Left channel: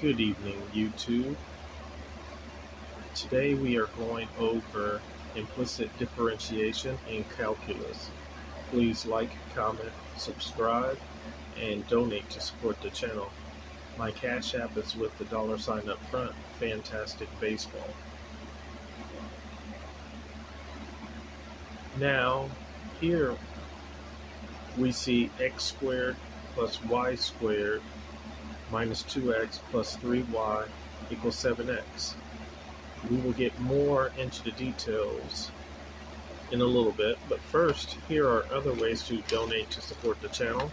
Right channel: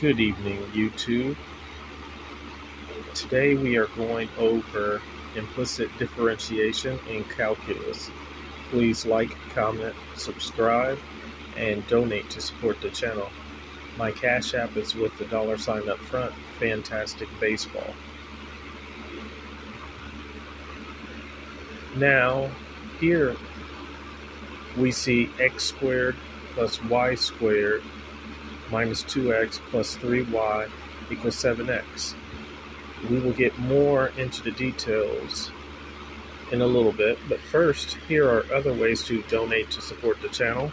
Good evening, YouTube. Today we are going over implicit differentiation in calculus. Please like, comment, subscribe, and donate to support the channel. My Cash App is with the $ up front, Fantastic Baseball. Now, here we see x squared plus y squared minus 2x plus 3y equals 7x. We will get more into the details in a little bit, but first, here are other ways to donate to support the channel.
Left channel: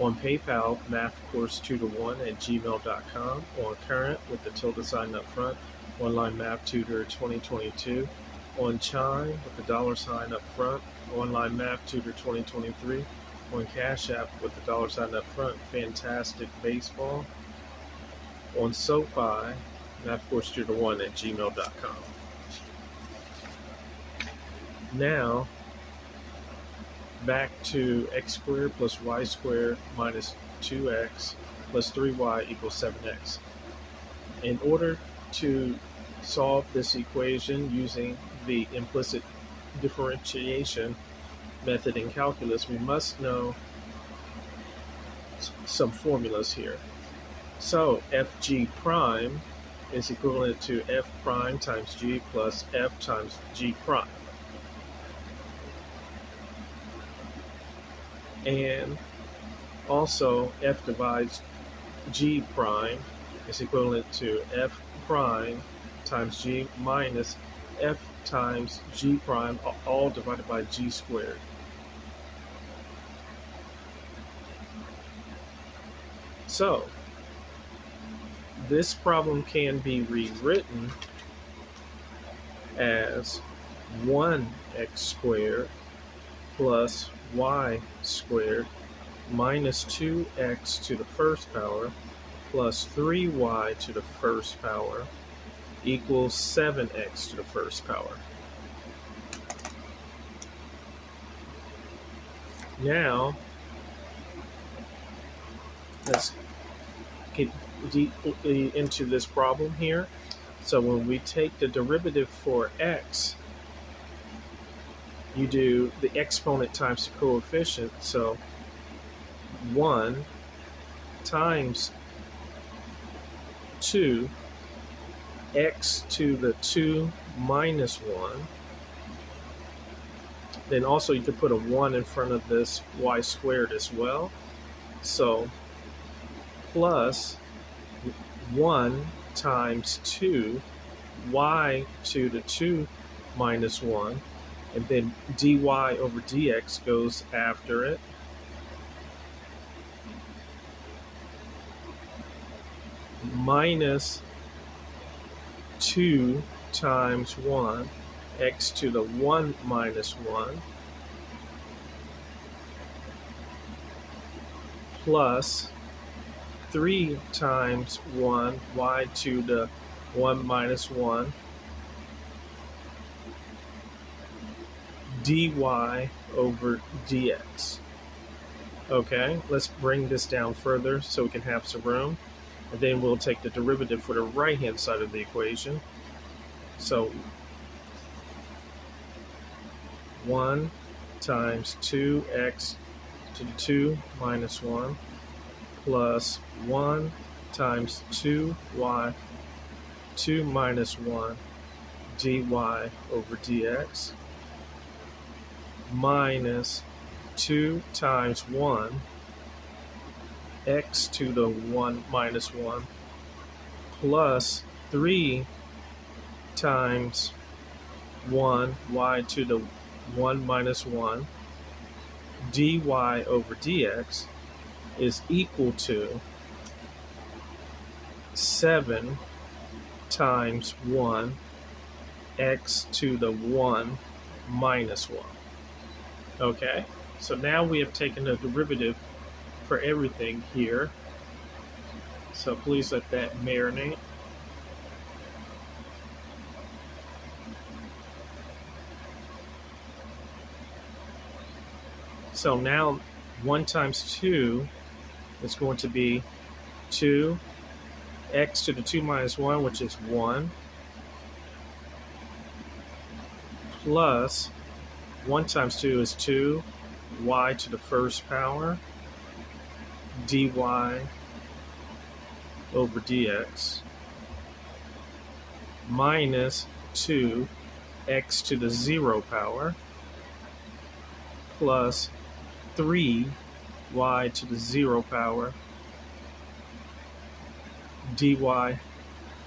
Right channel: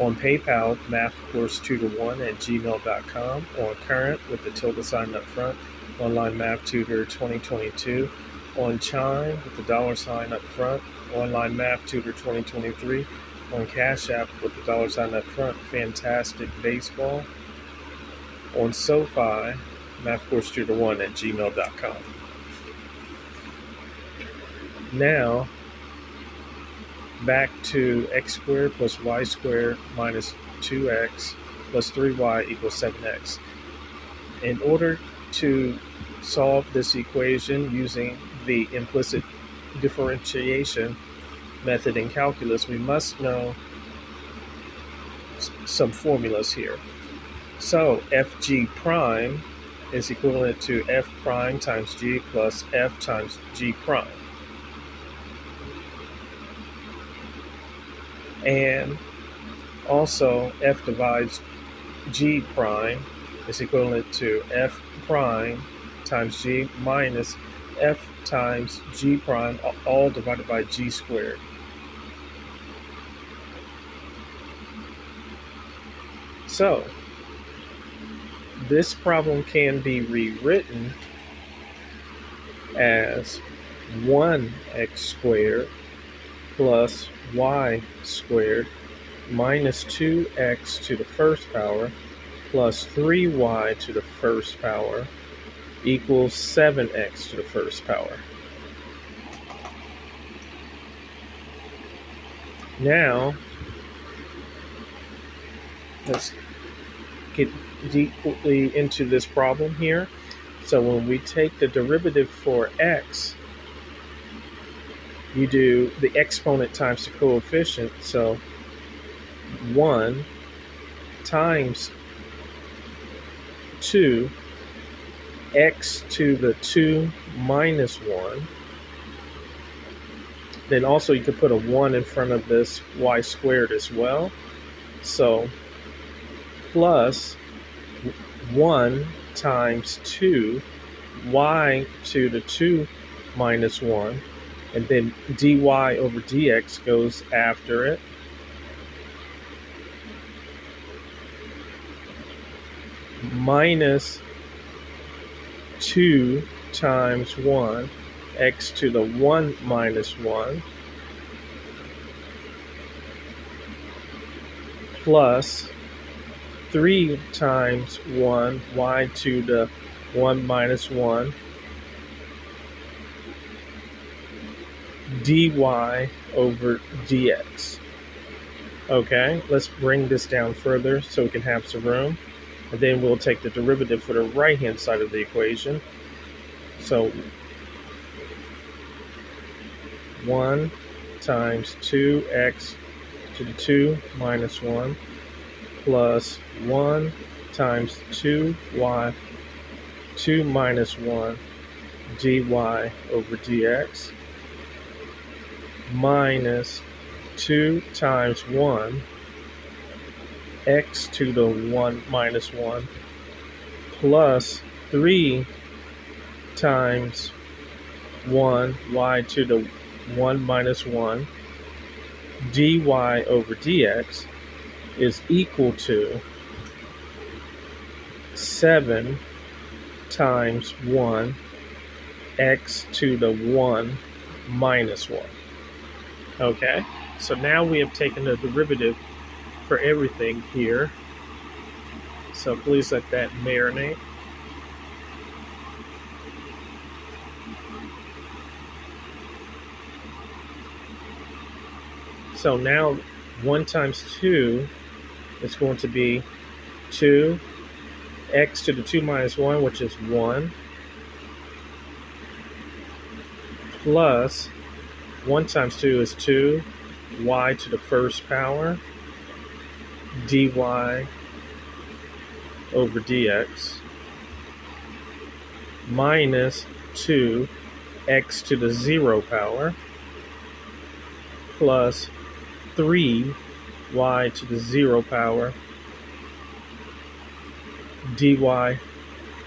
On PayPal, mathcourse2to1@gmail.com, or current with the tilde up front, online math tutor 2022. On Chime with the $ up front, online math tutor 2023. On Cash App with the $ up front, Fantastic Baseball. On SOFI, mathcourse2to1@gmail.com. Now, back to x squared plus y squared minus 2x plus 3y equals 7x. In order to solve this equation using the implicit differentiation method in calculus, we must know some formulas here. So fg prime is equivalent to f prime times g plus f times g prime. And also f divides g prime is equivalent to f prime times g minus f times g prime, all divided by g squared. So this problem can be rewritten as 1x squared plus y squared minus 2x to the first power plus 3y to the first power equals 7x to the first power. Now, let's get deeply into this problem here. So when we take the derivative for x, you do the exponent times the coefficient. So 1 times 2, x to the 2 minus 1. Then also you could put a 1 in front of this y squared as well. So plus 1 times 2, y to the 2 minus 1. And then dy over dx goes after it. Minus 2 times 1, x to the 1 minus 1, plus 3 times 1, y to the 1 minus 1, dy over dx. Okay, let's bring this down further so we can have some room. And then we'll take the derivative for the right-hand side of the equation. So 1 times 2x to the 2 minus 1 plus 1 times 2y 2 minus 1 dy over dx minus 2 times 1 x to the 1 minus 1 plus 3 times 1 y to the 1 minus 1 dy over dx is equal to 7 times 1 x to the 1 minus 1. Okay, so now we have taken the derivative for everything here. So please let that marinate. So now 1 times 2 is going to be 2 x to the 2 minus 1, which is 1, plus 1 times 2 is 2 y to the first power dy over dx minus 2 x to the 0 power plus 3 y to the 0 power dy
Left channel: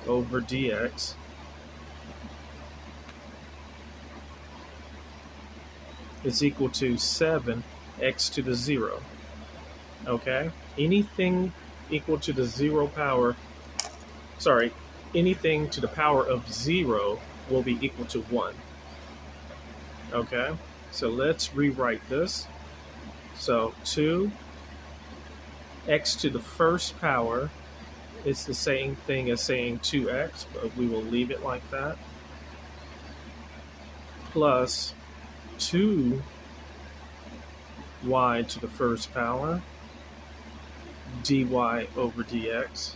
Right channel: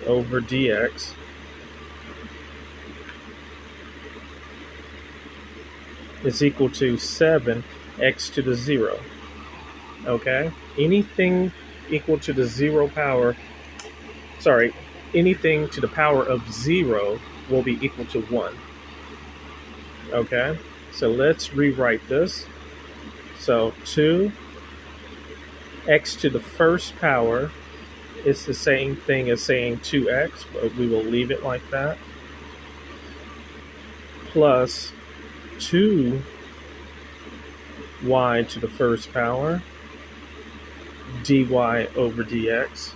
over dx is equal to 7 x to the 0. Okay? Anything equal to the 0 power, anything to the power of 0 will be equal to 1. Okay? So let's rewrite this. So 2 x to the first power is the same thing as saying 2x, but we will leave it like that, plus 2 y to the first power dy over dx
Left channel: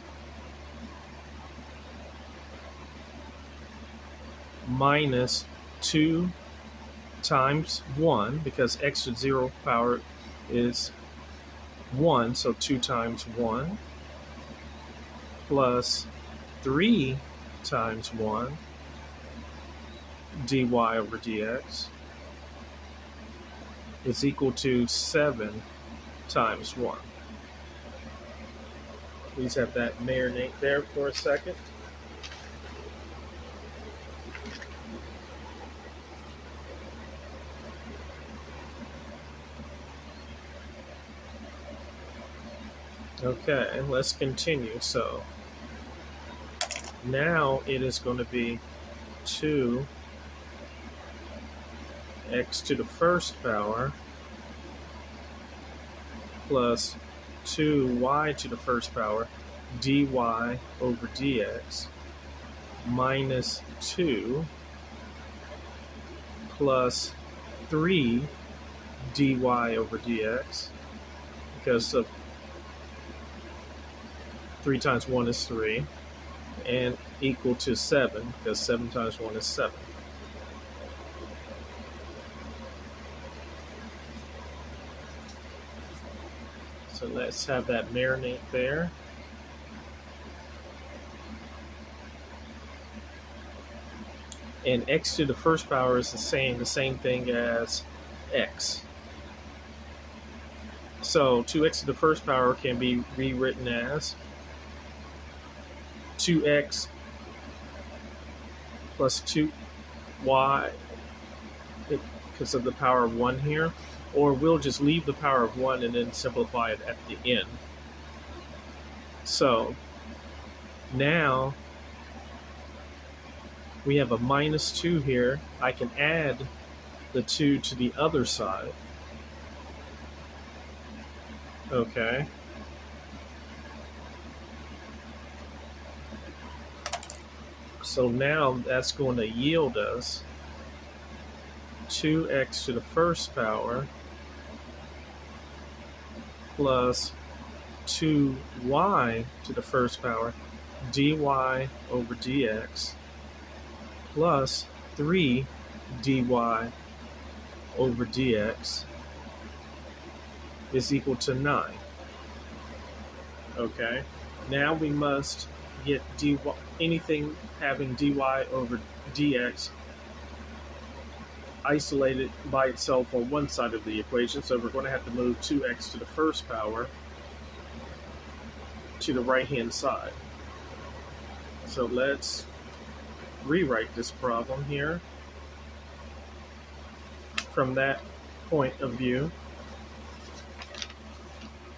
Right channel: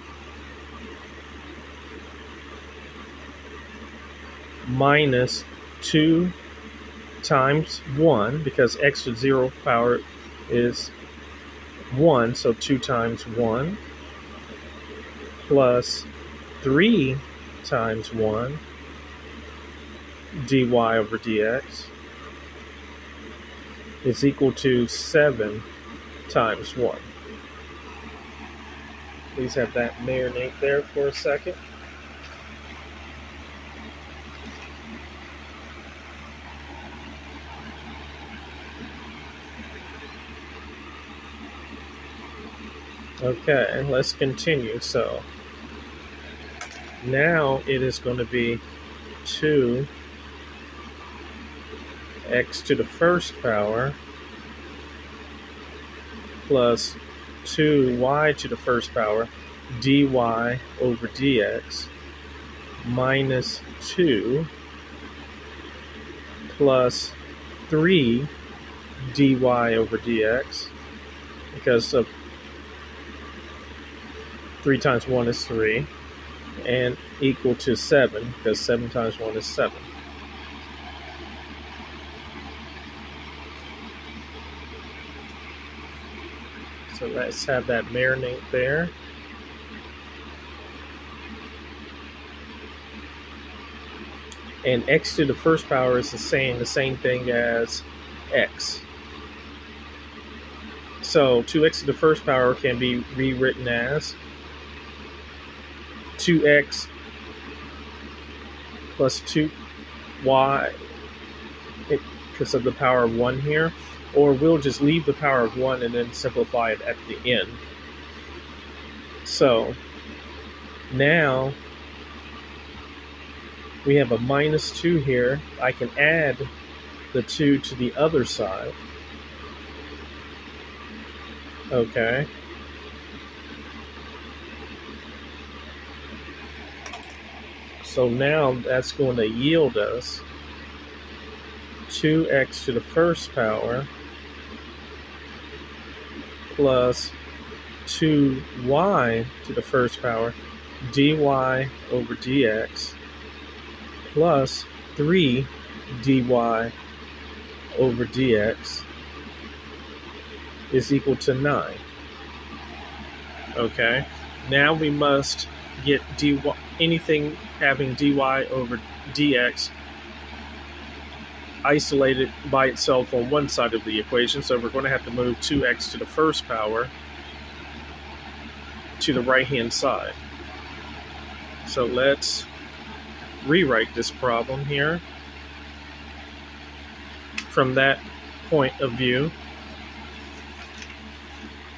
minus 2 times 1, because x to the 0 power is 1, so 2 times 1, plus 3 times 1 dy over dx is equal to 7 times 1. Please have that marinate there for a second. Okay, and let's continue. So now it is going to be 2 x to the first power plus 2 y to the first power dy over dx minus 2 plus 3 dy over dx, because 3 times 1 is 3, and equal to 7, because 7 times 1 is 7. So let's have that marinate there. And x to the first power is the same thing as x. So 2x to the first power can be rewritten as 2x plus 2y, because of the power of 1 here, or we'll just leave the power of 1 and then simplify it at the end. So now we have a minus 2 here. I can add the 2 to the other side. Okay. So now that's going to yield us 2x to the first power plus 2y to the first power dy over dx plus 3 dy over dx is equal to 9. Okay, now we must get anything having dy over dx isolated by itself on one side of the equation, so we're going to have to move 2x to the first power to the right hand side. So let's rewrite this problem here from that point of view.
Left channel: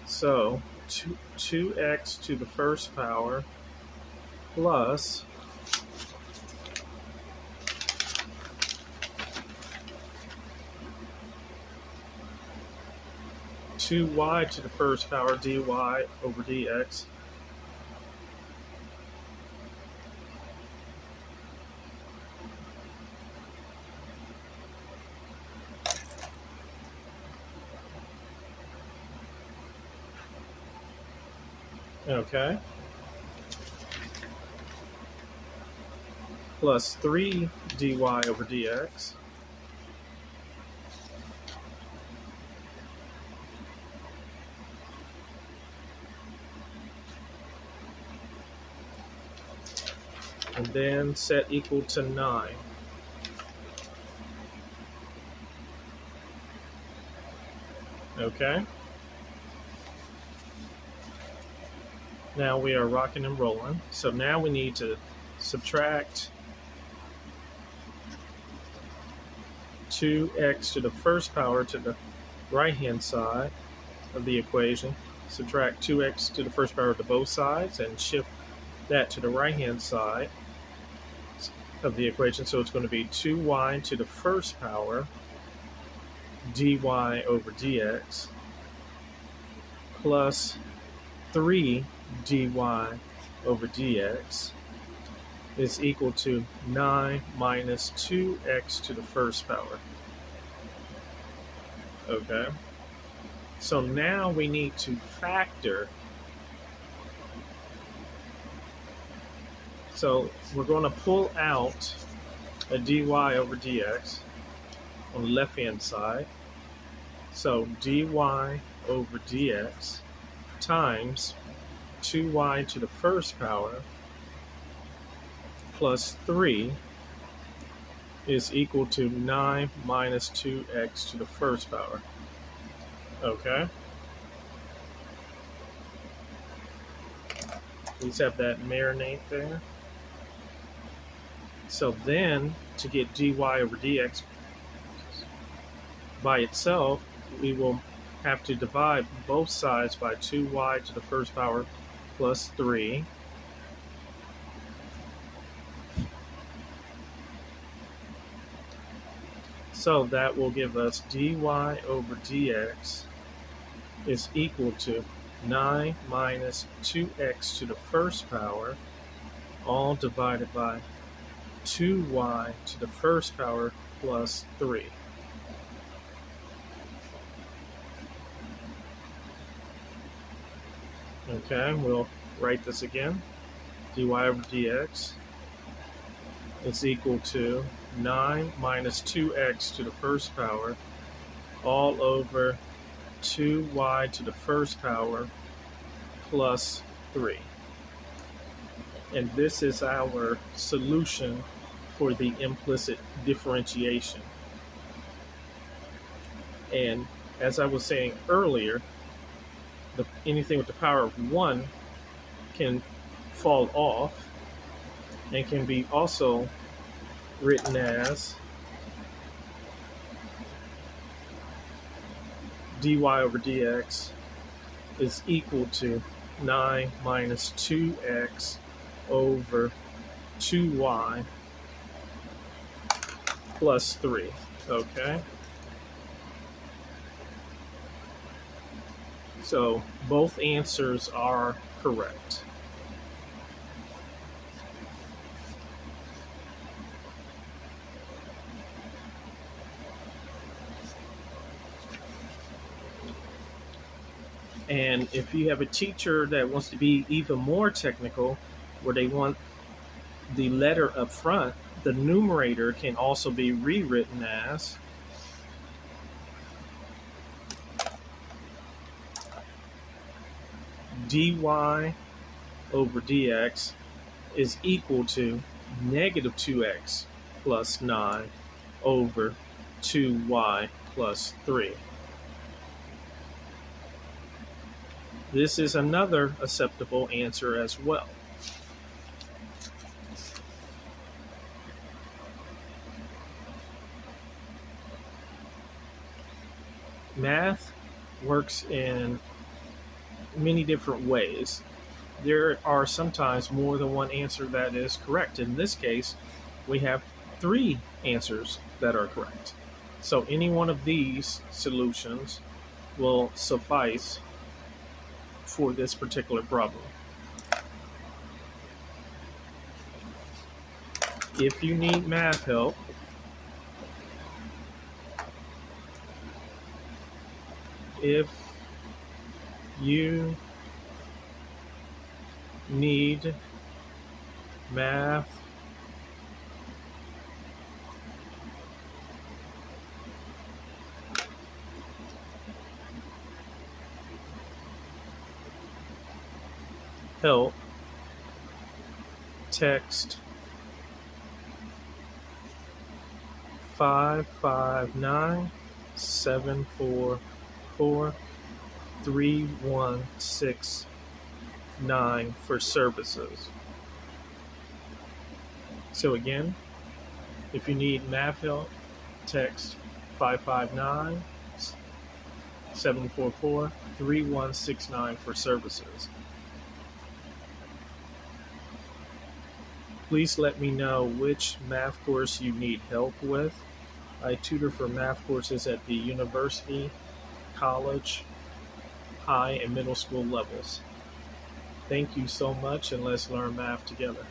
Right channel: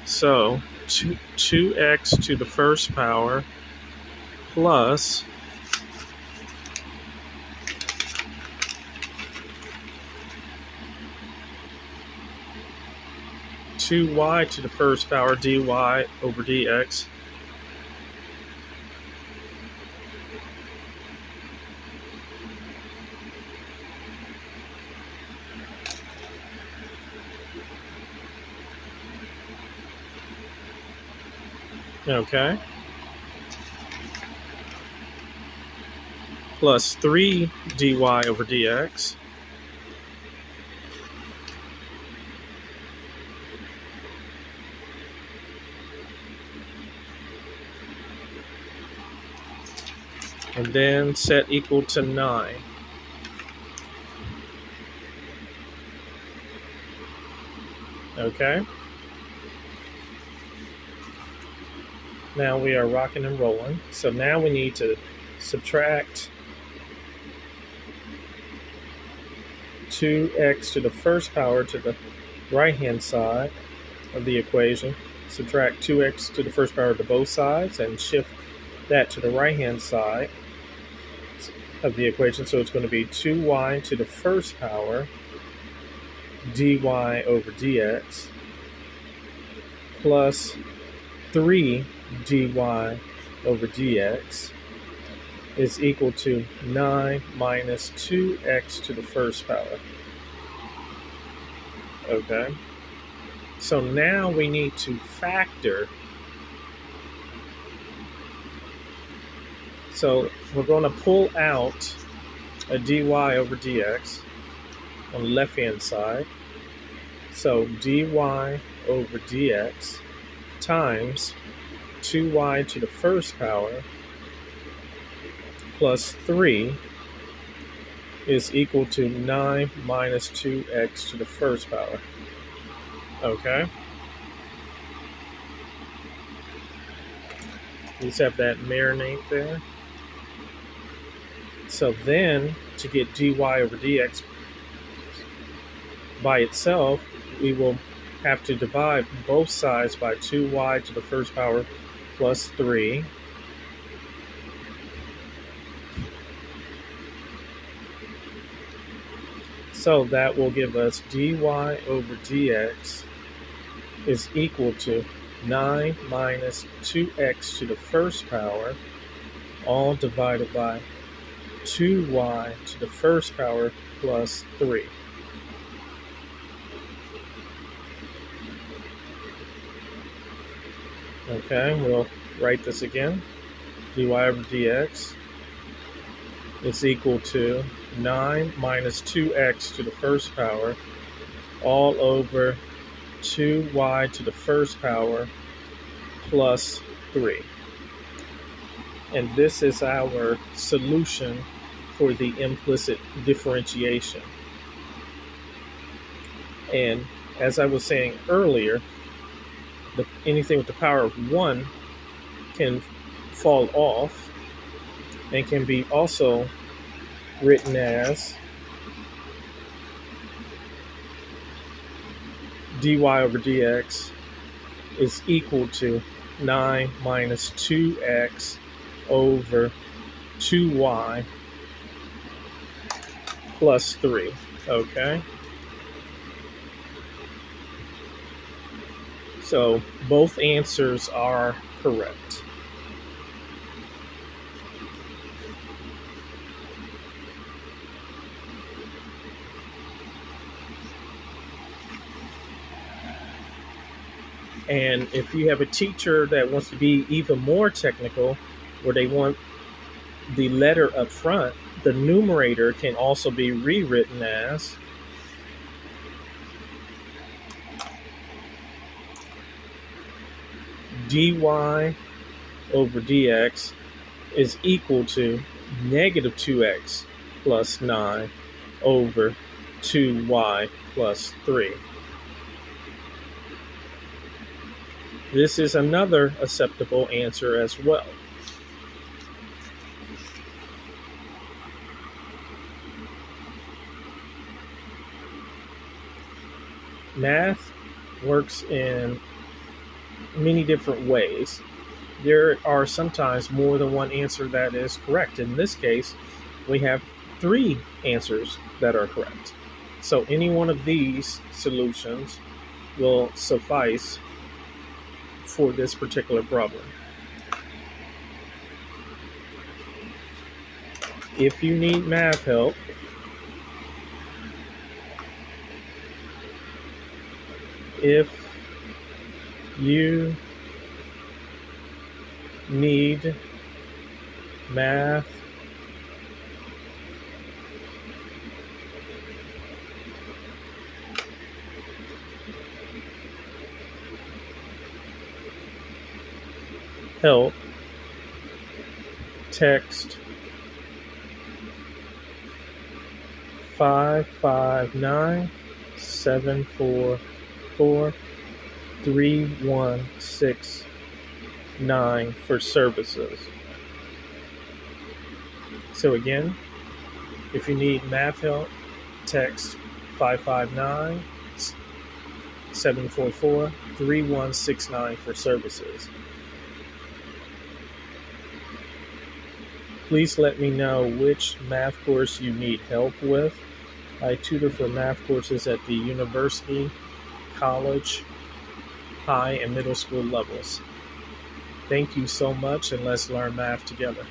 So 2x to the first power plus 2y to the first power dy over dx Okay. Plus 3 dy over dx. And then set equal to 9. Okay. Now we are rocking and rolling. So now we need to subtract 2x to the first power to the right-hand side of the equation. Subtract 2x to the first power to both sides and shift that to the right-hand side of the equation. So it's going to be 2y to the first power dy over dx plus 3 dy over dx is equal to 9 minus 2x to the first power. Okay. So now we need to factor. So we're going to pull out a dy over dx on the left-hand side. So dy over dx times 2y to the first power plus 3 is equal to 9 minus 2x to the first power. Okay. Let's have that marinate there. So then, to get dy over dx by itself, we will have to divide both sides by 2y to the first power plus 3. So that will give us dy over dx is equal to 9 minus 2x to the first power, all divided by 2y to the first power plus 3. Okay, we'll write this again. Dy over dx is equal to 9 minus 2x to the first power, all over 2y to the first power plus 3. And this is our solution for the implicit differentiation. And as I was saying earlier, anything with the power of 1 can fall off and can be also written as dy over dx is equal to 9 minus 2x over 2y plus 3. Okay. So both answers are correct. And if you have a teacher that wants to be even more technical, where they want the letter up front, the numerator can also be rewritten as dy over dx is equal to negative 2x plus 9 over 2y plus 3. This is another acceptable answer as well. Math works in many different ways. There are sometimes more than one answer that is correct. In this case, we have 3 answers that are correct. So any one of these solutions will suffice for this particular problem. If you need math help, if you need math help, text 559-744-3169 for services. So again, if you need math help, text 559-744-3169 for services. Please let me know which math course you need help with. I tutor for math courses at the university, college, high, and middle school levels. Thank you so much, and let's learn math together.